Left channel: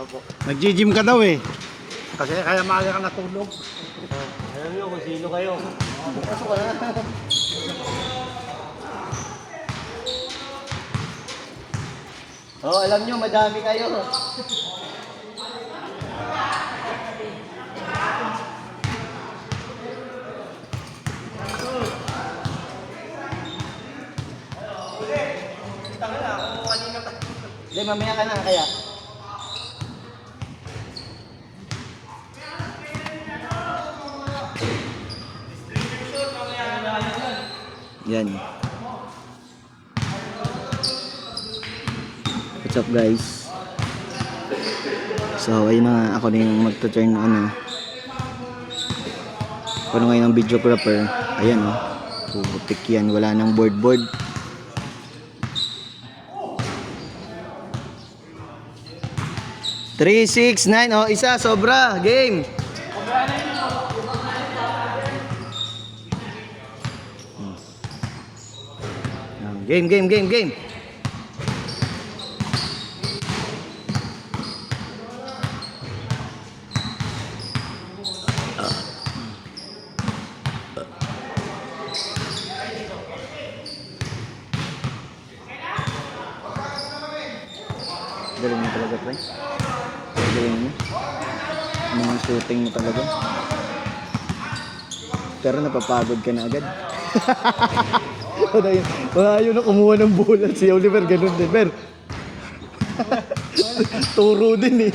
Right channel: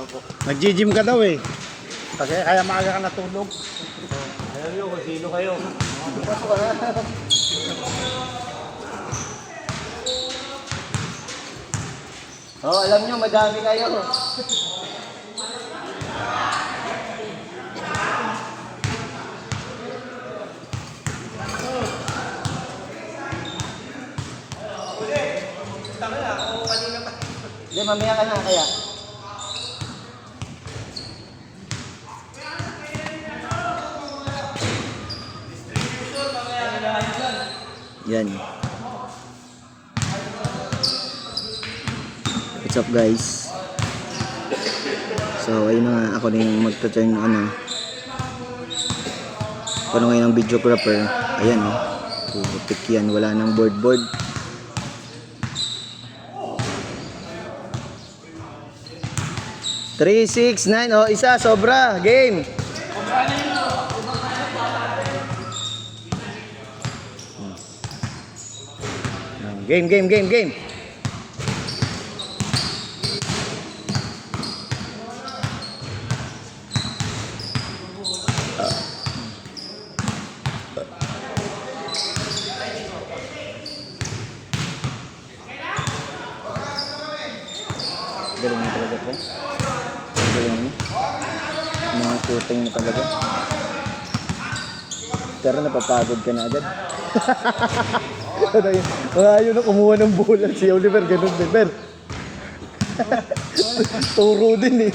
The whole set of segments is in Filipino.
Opo. Nag-gym ka daw eh. Kasi kaya maaga ka natulog. Alam nyo kung sino kayo. Alam nyo, madami kayo. Hindi, mamaya ka na kaya. Yan. What's up guys? So ayun na, ako na yung magto-turn ako na ngayon ang videographer. Ayan oh. Putik yan, wala nang board. 3, 6, 9. Oh, isa, sobra. Game. Game. Galing mo talaga, pre. Galing mo. Mga shooting mo talaga. Pero napapagod ka na agad. Ayaw na kumuha ng bola. Si Oliver, ganun din. Ben. Turo din eh.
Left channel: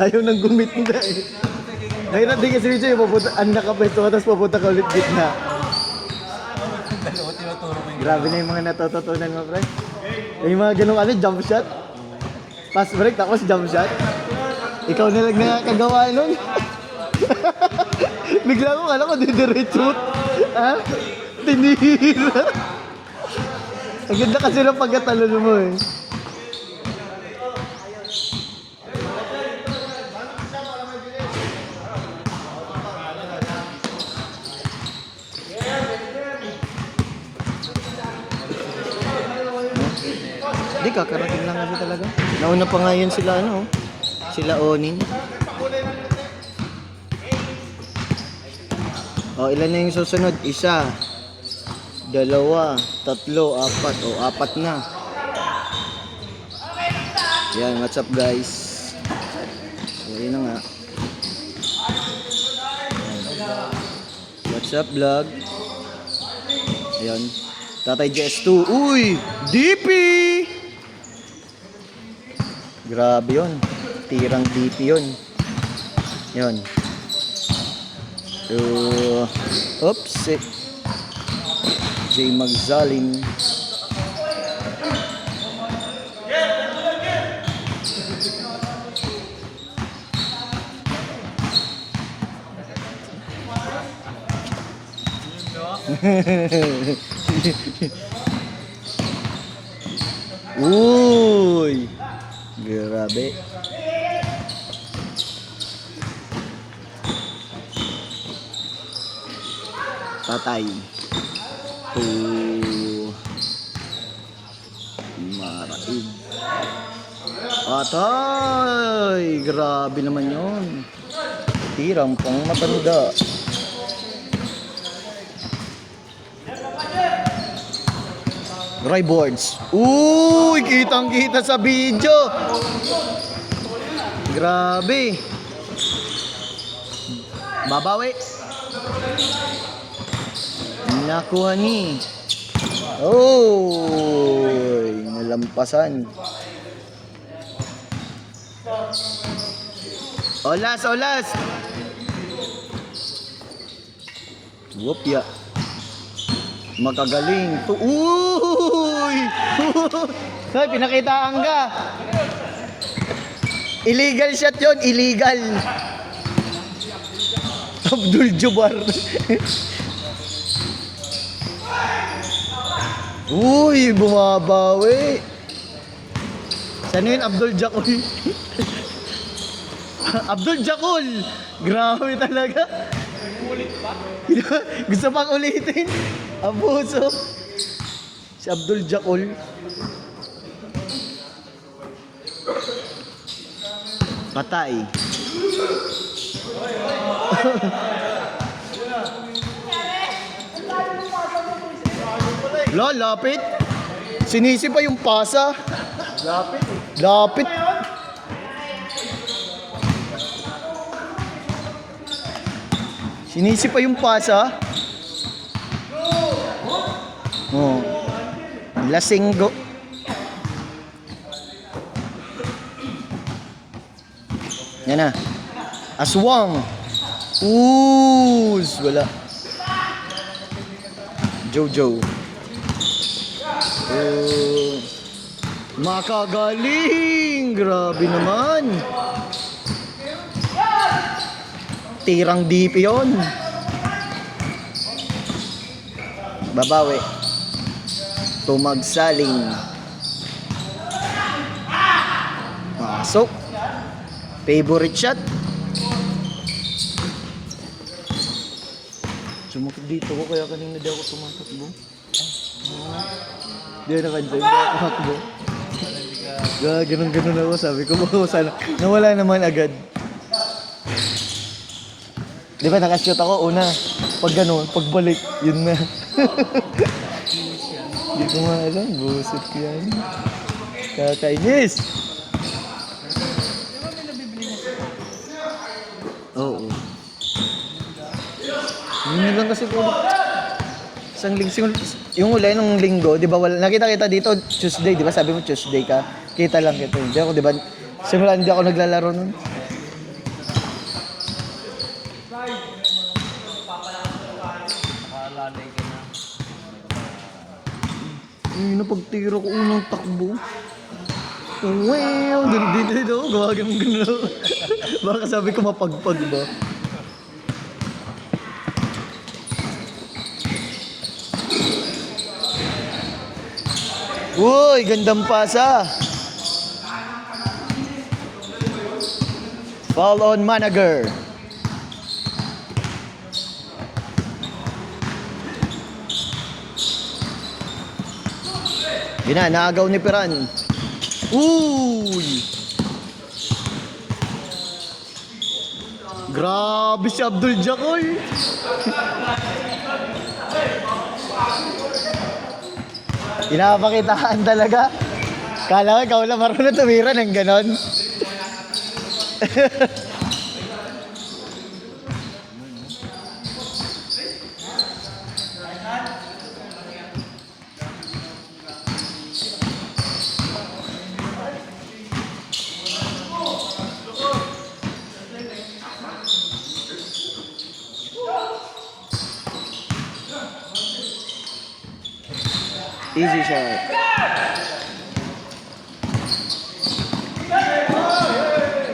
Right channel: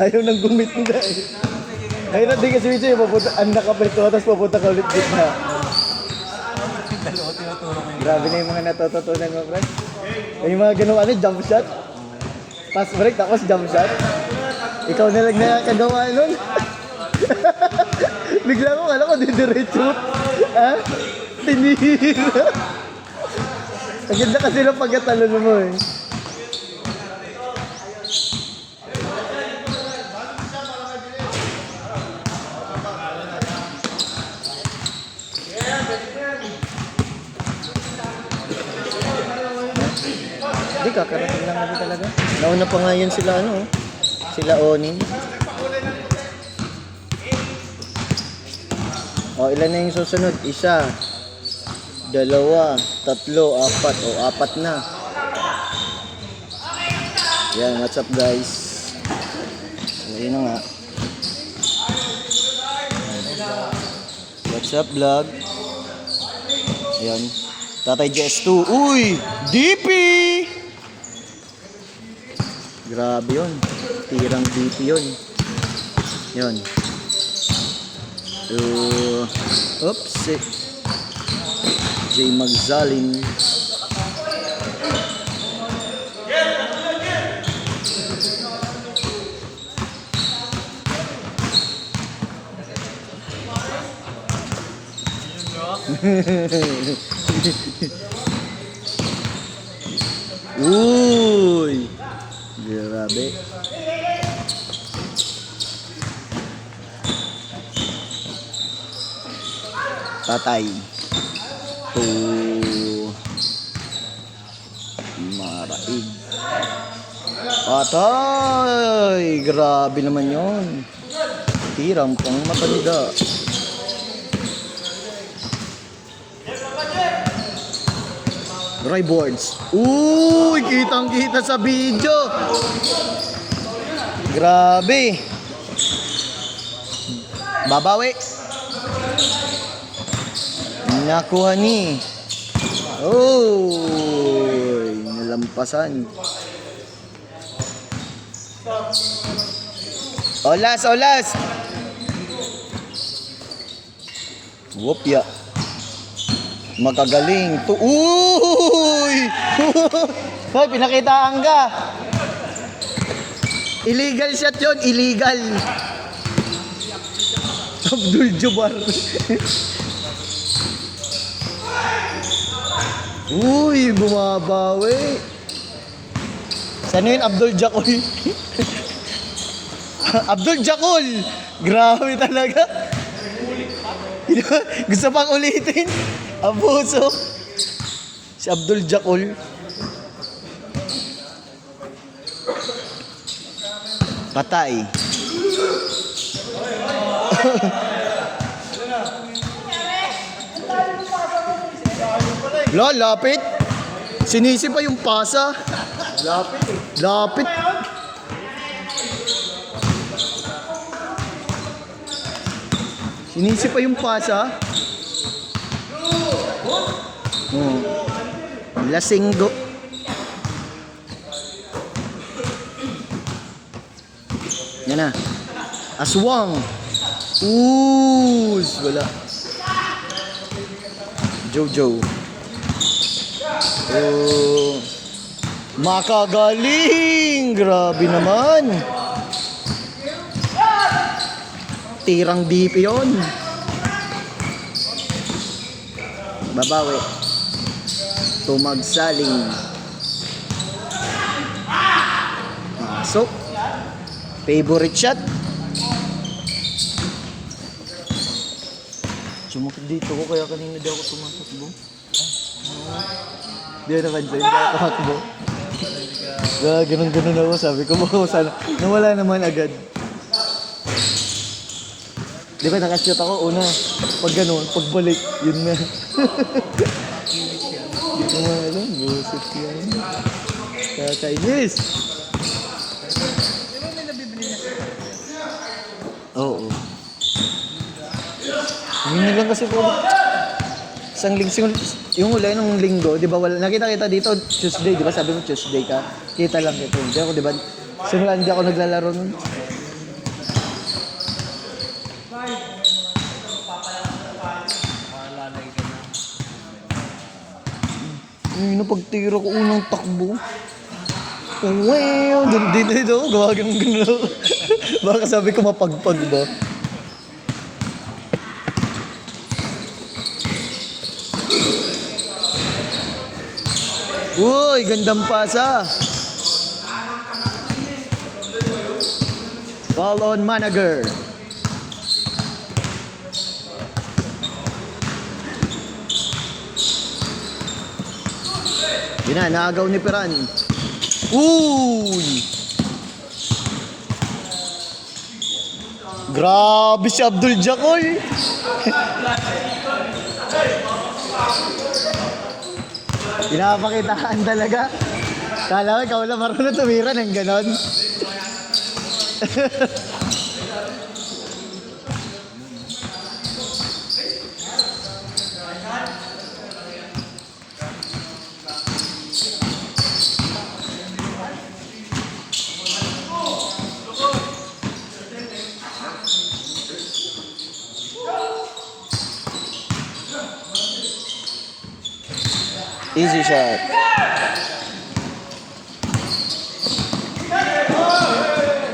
Ayaw nang gumit mo na eh. Ngayon din kasi Wicho, ang nakapeto, tapos papunta ka ulit gitna. Grabe na yung mga natututunan mo, pre. Yung mga ganun jump shot. Pass break, tapos jump shot. Ikaw na lang nakakagawa nun. Bigla ko, alam ko, didiretso. Ha? Tinihilo. Ang ganda kasi ng pagkatalon mo eh. Hindi, kakarating lang ako talaga. Nauna pa nga yun sila sila Onin. O, ilan na yung susunod? 1, 2, 3, 4. O, 4 na. Yan, what's up guys? So, yun na nga. What's up vlog? Ayan. Tatay GS2. Uy! DP! Grabe yun. Tirang DP yun. Yan. Oops. Jay Magzalin. Uy! Grabe. Tatay. Maraig. Atay! Grabe naman yun. Tirang pang matanda. Boards. Uy! Kitang-kita sa video. Grabe. Babawi. Nakuha ni. Oh, nalampasan. Olas. Wopya. Makagaling. Uy! Hoy, pinakitaan ka. Illegal shot yun, illegal. Abdul Jabbar. Uy, bumabawi. Saan yun, Abdul Jakul? Abdul Jakul! Grabe talaga. Gusto pang ulitin. Abuso. Si Abdul Jakul. Patay. Lo, lapit. Sinisi pa yung pasa. Lapit eh. Lapit. Sinisi pa yung pasa. Oh. Lasinggo. Yan na. Aswang. Wala. Jojo. Oh. Makagaling. Grabe naman. Tirang deep yun. Babawi. Tumagsaling. So, favorite shot. Sumakit dito ko kaya kanina di ako tumatakbo. Di ako nakansin, di ako takbo. Ganun ako, sabi ko baka sana. Nawala naman agad. Di ba nakashoot ako una? Pag gano'n, pagbalik, yun na. Di ko nga alam, buset ko yan. Kakainis! Oo. Yun lang kasi po. Yung uli nung linggo, di ba, nakita kita dito Tuesday, di ba? Sabi mo Tuesday ka. Kita lang kita. Hindi ako, di ba? Simula hindi ako naglalaro nun. Yung napagtira ko unang takbo. Wow! Dito, gawagang gano'n. Baka sabi ko mapagpag ba? Uy, gandang pasa. Fall on Manager. Naagaw ni Peran. Uy! Grabe si Abdul Jacoy. Pinapakitaan talaga. Kala ko ikaw lang marunong tumira ng ganon. Easy shot.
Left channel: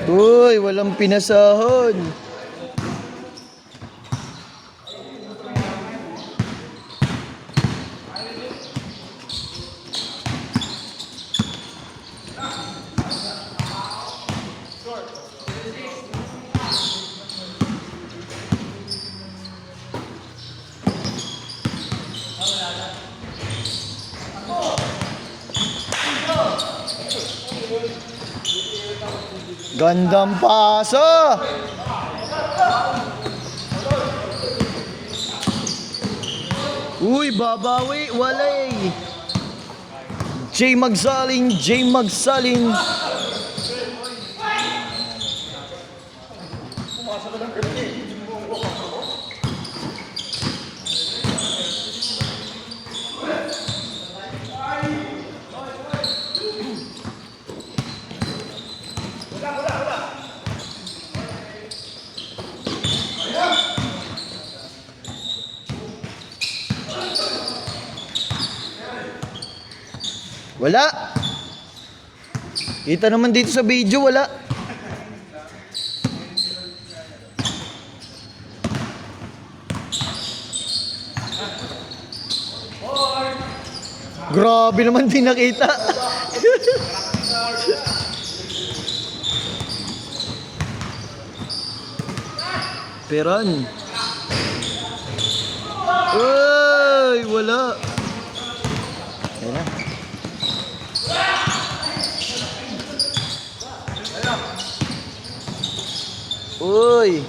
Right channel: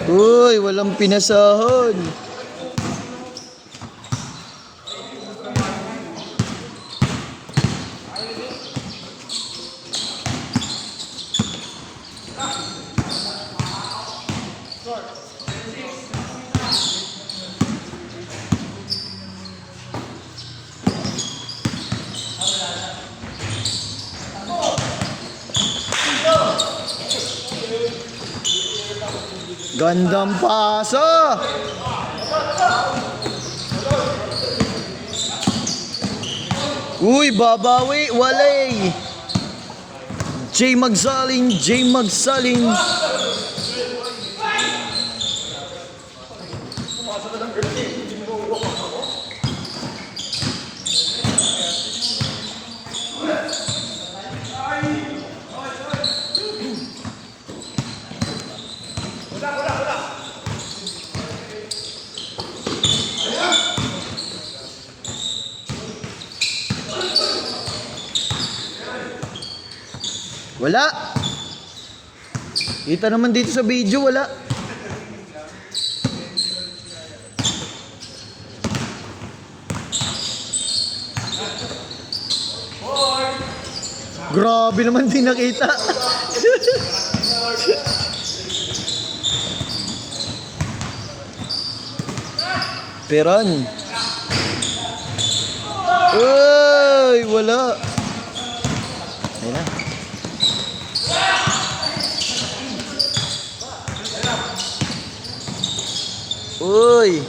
Uy, walang pinasahod. Gandang pasa. Uy, babawi, walay. Jay Magsaling. Wala. Kita naman dito sa video, wala. Grabe naman din nakita. Peran. Uy, wala. Ayun na. Uy!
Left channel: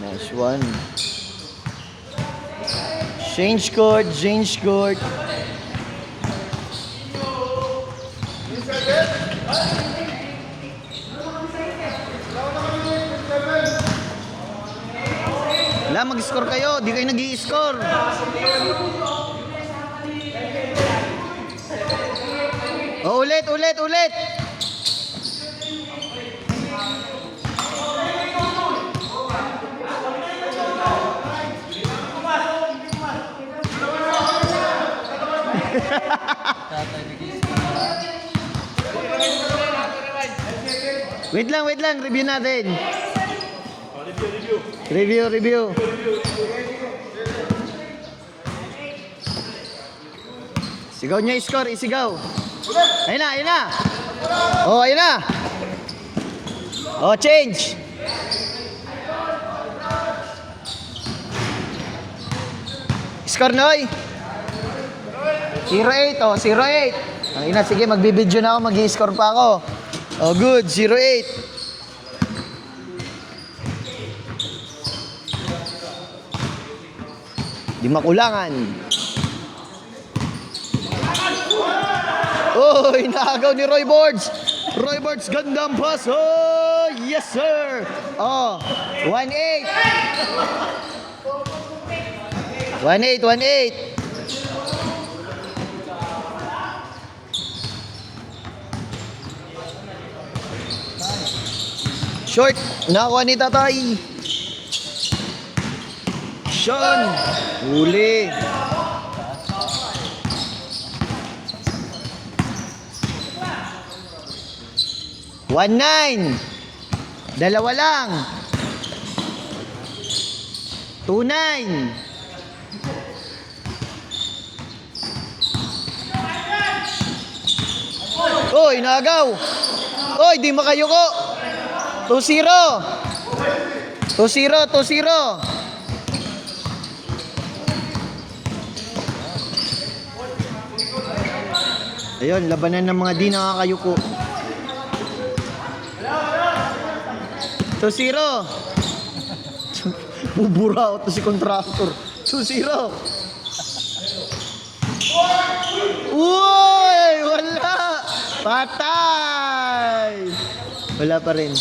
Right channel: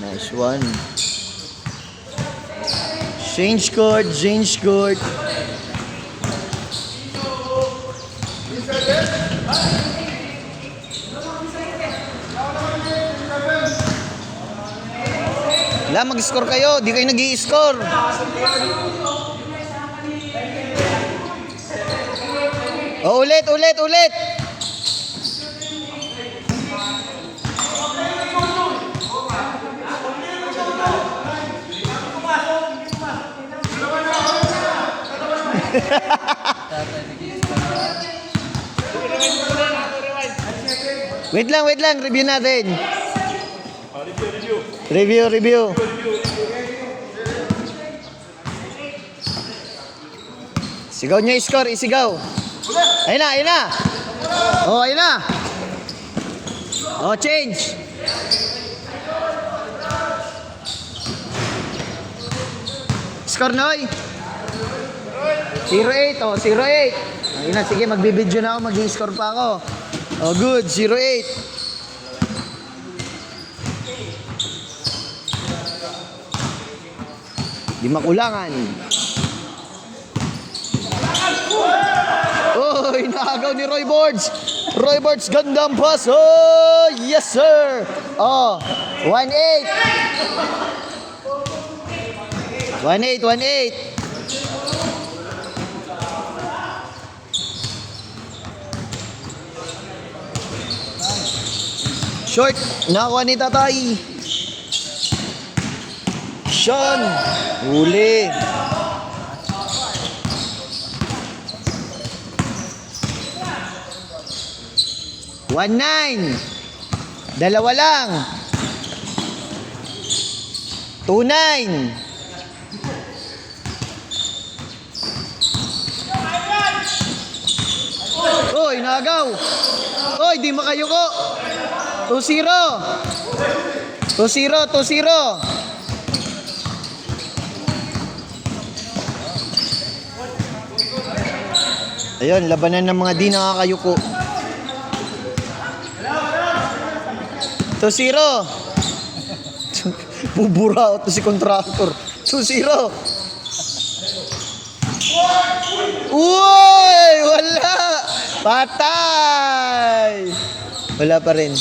Nice one. Change court, change court. Wala, mag-score kayo. Di kayo nag-i-score. Oh, ulit, ulit, ulit. Wait lang. Review natin. Review. Sigaw niya score, isigaw. Ayun na. Oh, ayun na. Oh, change. Score, Noy. 0-8, oh, 0-8. Ayun na, sige, magbibideo na ako, mag-i-score pa ako. Oh, good, 0-8. Di makulangan. Oh, inaagaw ni Roy Borges. Roy Borges, gandang pass. Oh, yes sir. Oh, 1-8. 1-8. Short, nakuha ni Tatay. Sean, huli. One nine. Dalawa lang. 2-9. Oy, nagaw. Oy, di makayuko. 2-0. 2-0. Ayun, labanan ng mga di nakakayuko. 2-0. Bubura to si contractor. 2-0. Uy! Wala! Patay! Wala pa rin.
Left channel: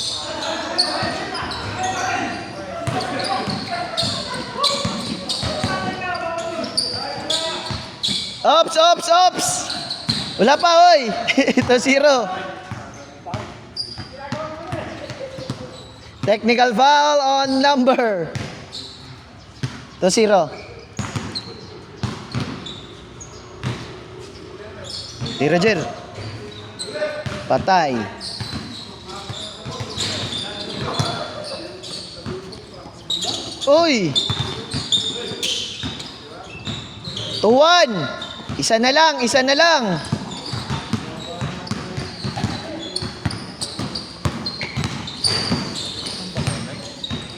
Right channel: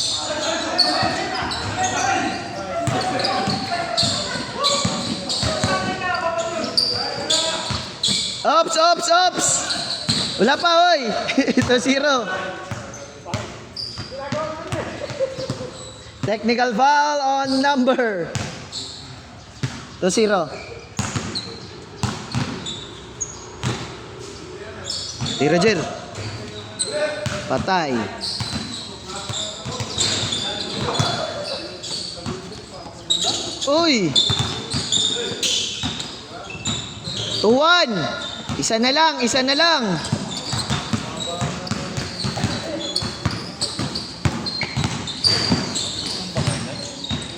Ops! Wala pa, hoy! 2-0. Technical foul on number 2-0. Tira, Jer. Patay. Uy! 2-1. Isa na lang.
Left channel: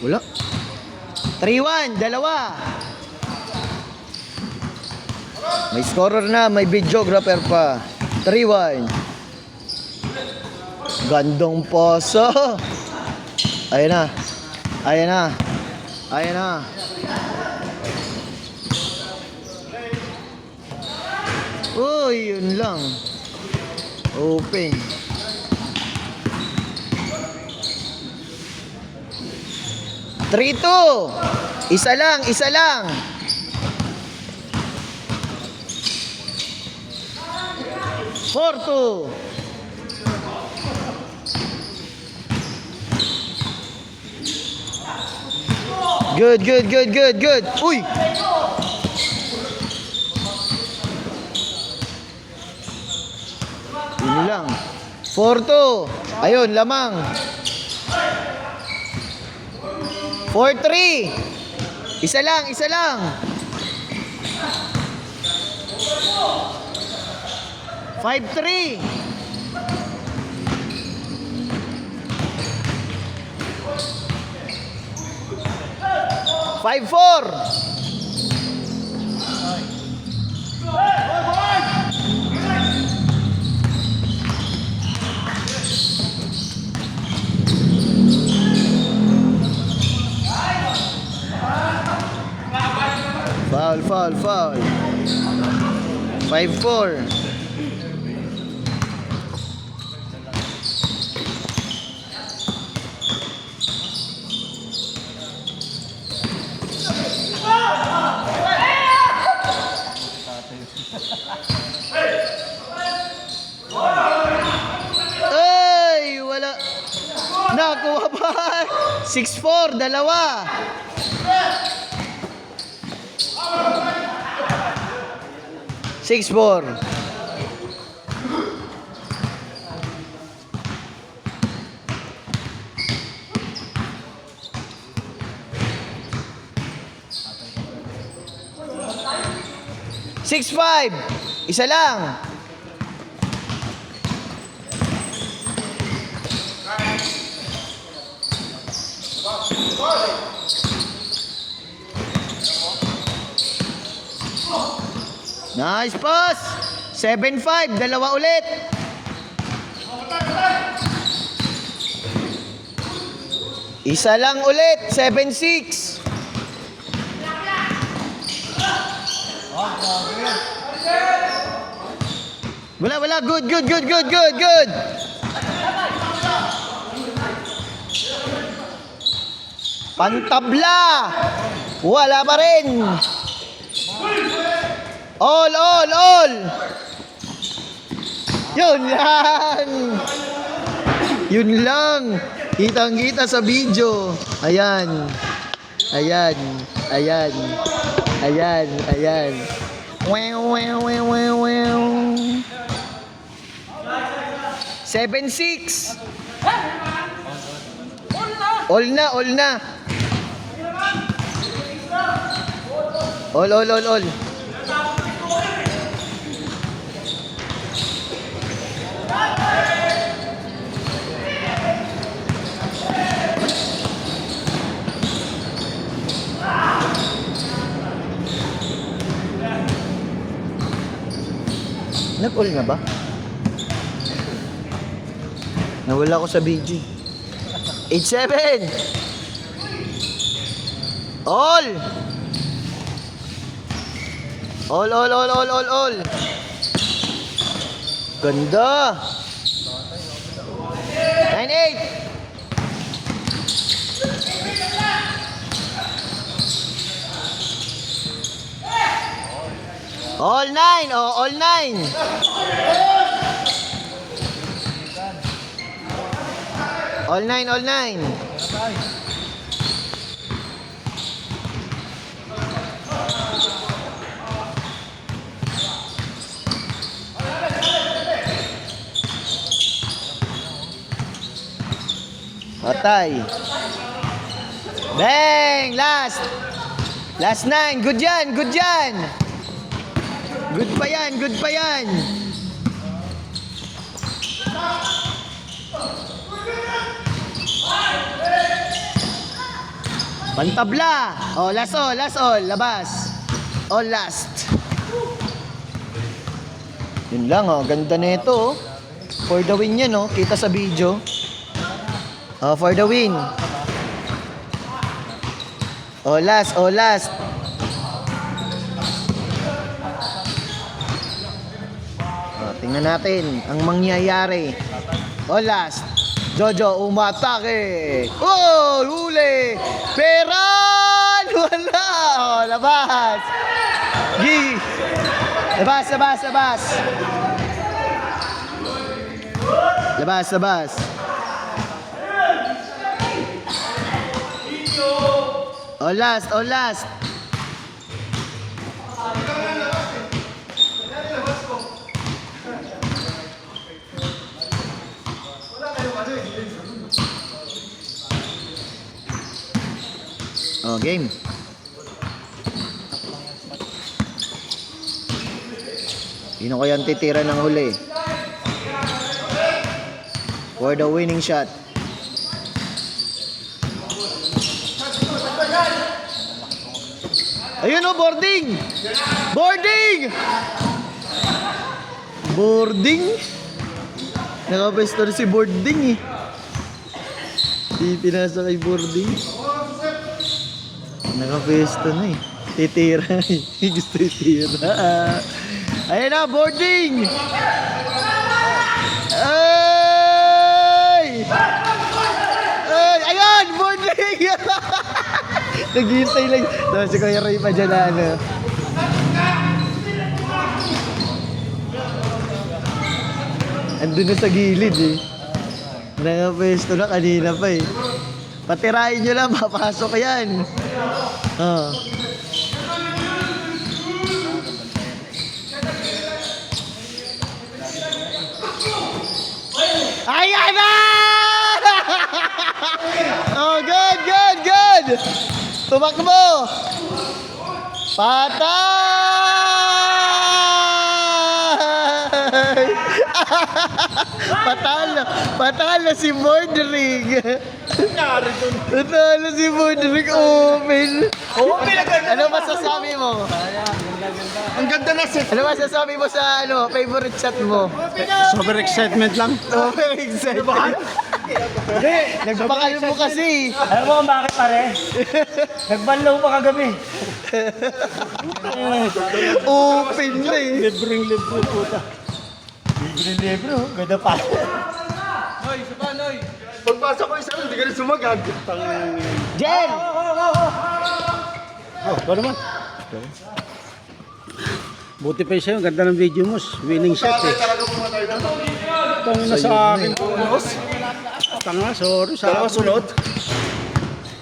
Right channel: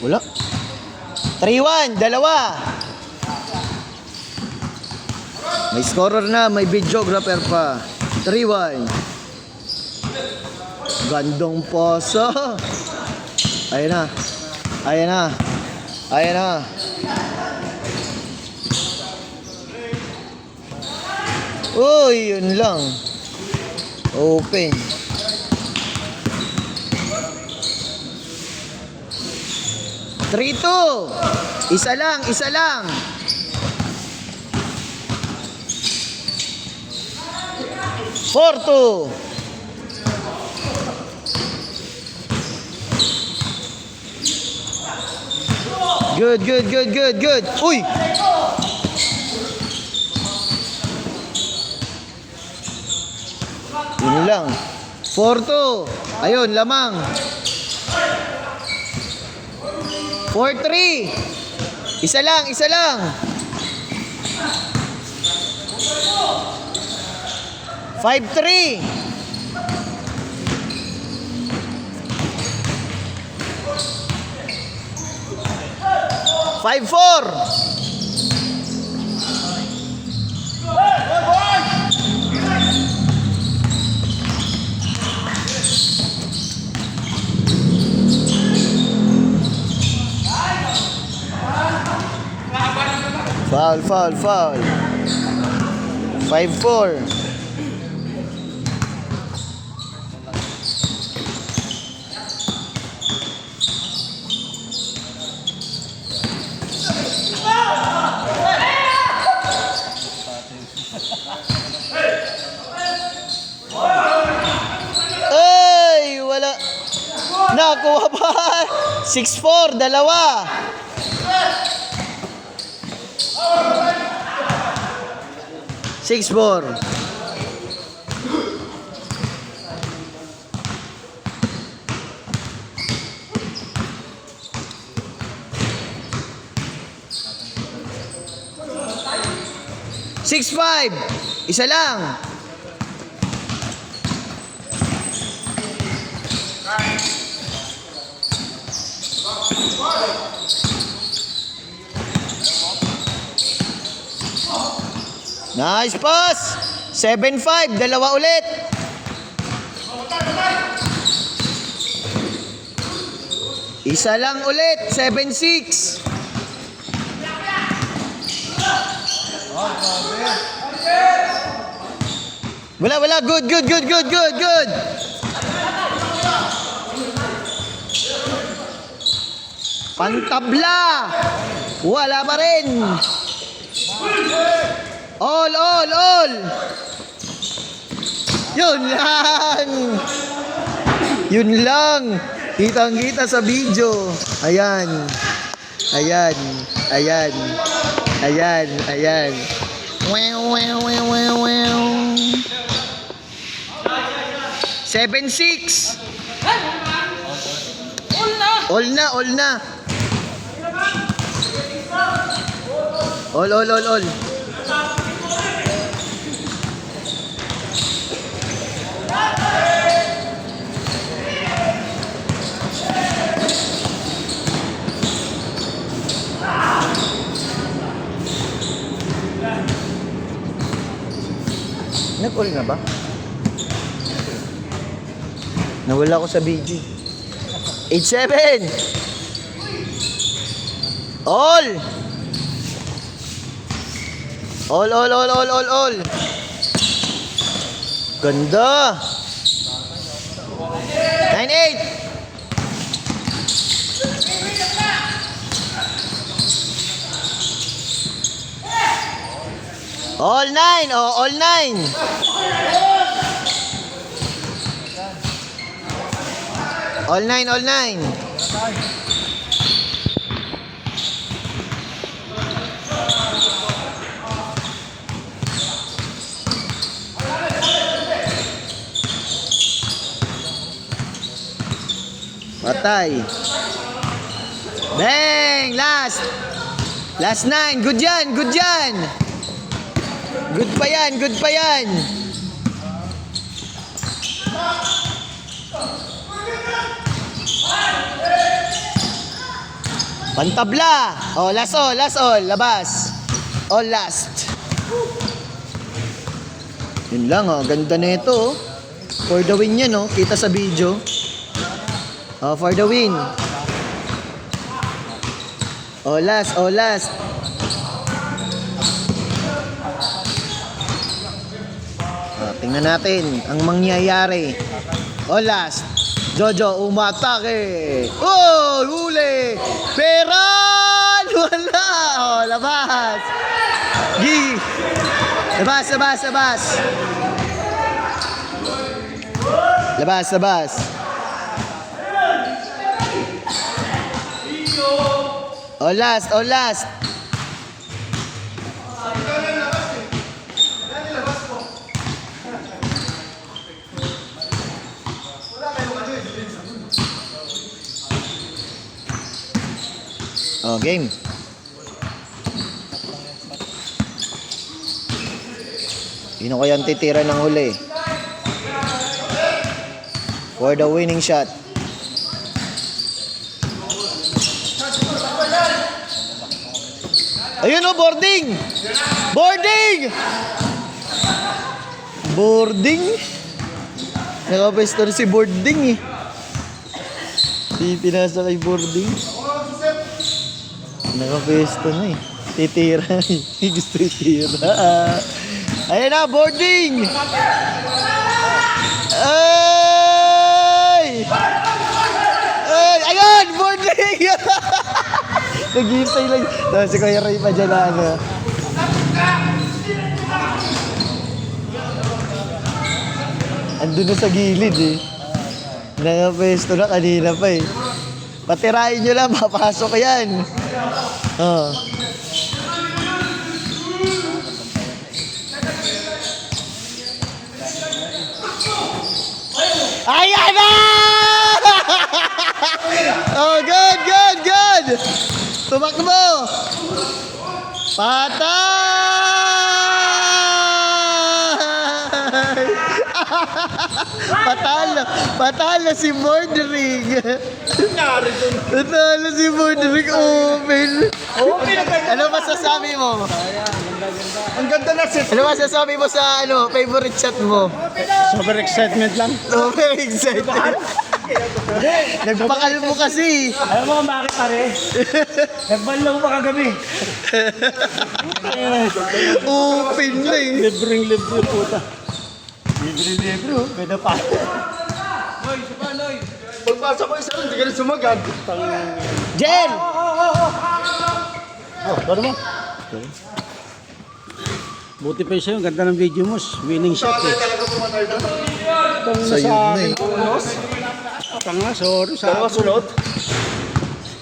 Wala. 3-1, dalawa. May scorer na, may videographer pa. 3-1. Gandong poso. Ayan na. Uy, yun lang. Open. Three, 2. Isa lang. 4-2. Good. Uy! Yun lang. 4-2. Ayun, lamang. 4-3. Isa lang. 5-3. 5-4. Foul, foul, foul. 5-4. Ay, wala. Nakuha pa. 6-4, dalawa. Six, four. Six, five. Isa lang. Nice pass. 7-5. Dalawa ulit. Isa lang ulit. 7-6. Wala, wala. Good, good, good, good, good, good. Pantabla. Wala pa rin. All, all, all. Yun lang. Yun lang. Kitang-kita sa video. Ayan. Ayan. Ayan. Ayan. Ayan. Wow, wow, wow, wow, wow. 7-6. All na, all na. All, all, all, all. Nag-all na ba? Nawala ko sa BG. 8-7. All. All, all, all, all, all, all. Ganda. 9-8. All 9. Oh, all 9. All 9, all 9. Patay. Bang! Last. Last 9. Good yan, good yan. Good pa yan, good pa yan. Pantabla. Oh, last all, last all. Labas. All last. Yun lang, oh. Ganda na ito, oh. For the win yan, oh. Kita sa video. Oh, for the win. Oh, last, oh, last. Oh, tingnan natin ang mangyayari. Oh, last. Jojo, umatake. Oh, huli. Peran! Wala. Oh, labas. Gi. Labas, labas, labas. Labas, labas. Oh, last, oh, last. Oh, game. Sino kaya ang titira ng huli? For the winning shot. Ayun, oh, boarding! Boarding! Boarding? Nakapesto na si boarding, eh. Pinasa kay boarding. Nakapesto na, eh. Titira. Gusto titira. Ayan na, boarding! Ay! Ay! Ayan! Boarding! Naghihintay lang. Tapos si Kuya Ray pa dyan na ano. Andun na sa gilid eh. Nakapesto na kanina pa eh. Patirahin nyo lang, mapasok yan. Oh. Ayan na! Oh, good, good, good! Tumakbo! Patay! Patalo si Mordring. Patalo si Mordring. Open. Ano masasabi mo? Ang ganda na set. Ano masasabi mo sa favorite shot mo? Super excitement lang. Super excited. Nagpakal mo kasi. Alam mo kung bakit pare? Nagbanlaw pa kagabi. Open na eh. Libreng libre puta. Libre, ganda pa. Noy, isa Noy. Pagpasok ko isa, hindi ka rin sumagad. Jen! Oh, paano ba? Buti pa sa'yo, ganda ng video mo. Winning shot eh. Itong nasa akin. Tanga, sorry sa akin. Sunod?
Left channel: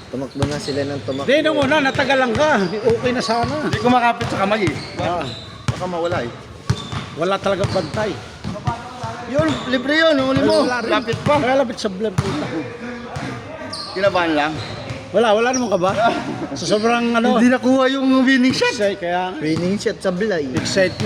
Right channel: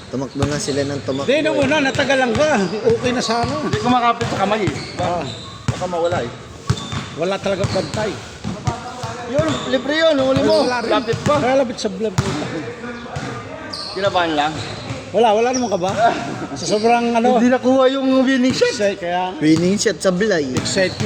Tumakbo na sila ng tumakbo. Hindi, nung una, natagal lang ka. Okay na sana. Hindi ko makapit sa kamay eh. Ah, Baka mawala eh. wala talaga pantay. Yun, libre yun. Huli mo. Wala rin. Lapit pa. Lalapit sa vlog mo. Kinabahan lang. Wala naman ka ba? Sa sobrang ano, Hindi nakuha yung winning shot. kaya Winning shot sa Blay. excitement.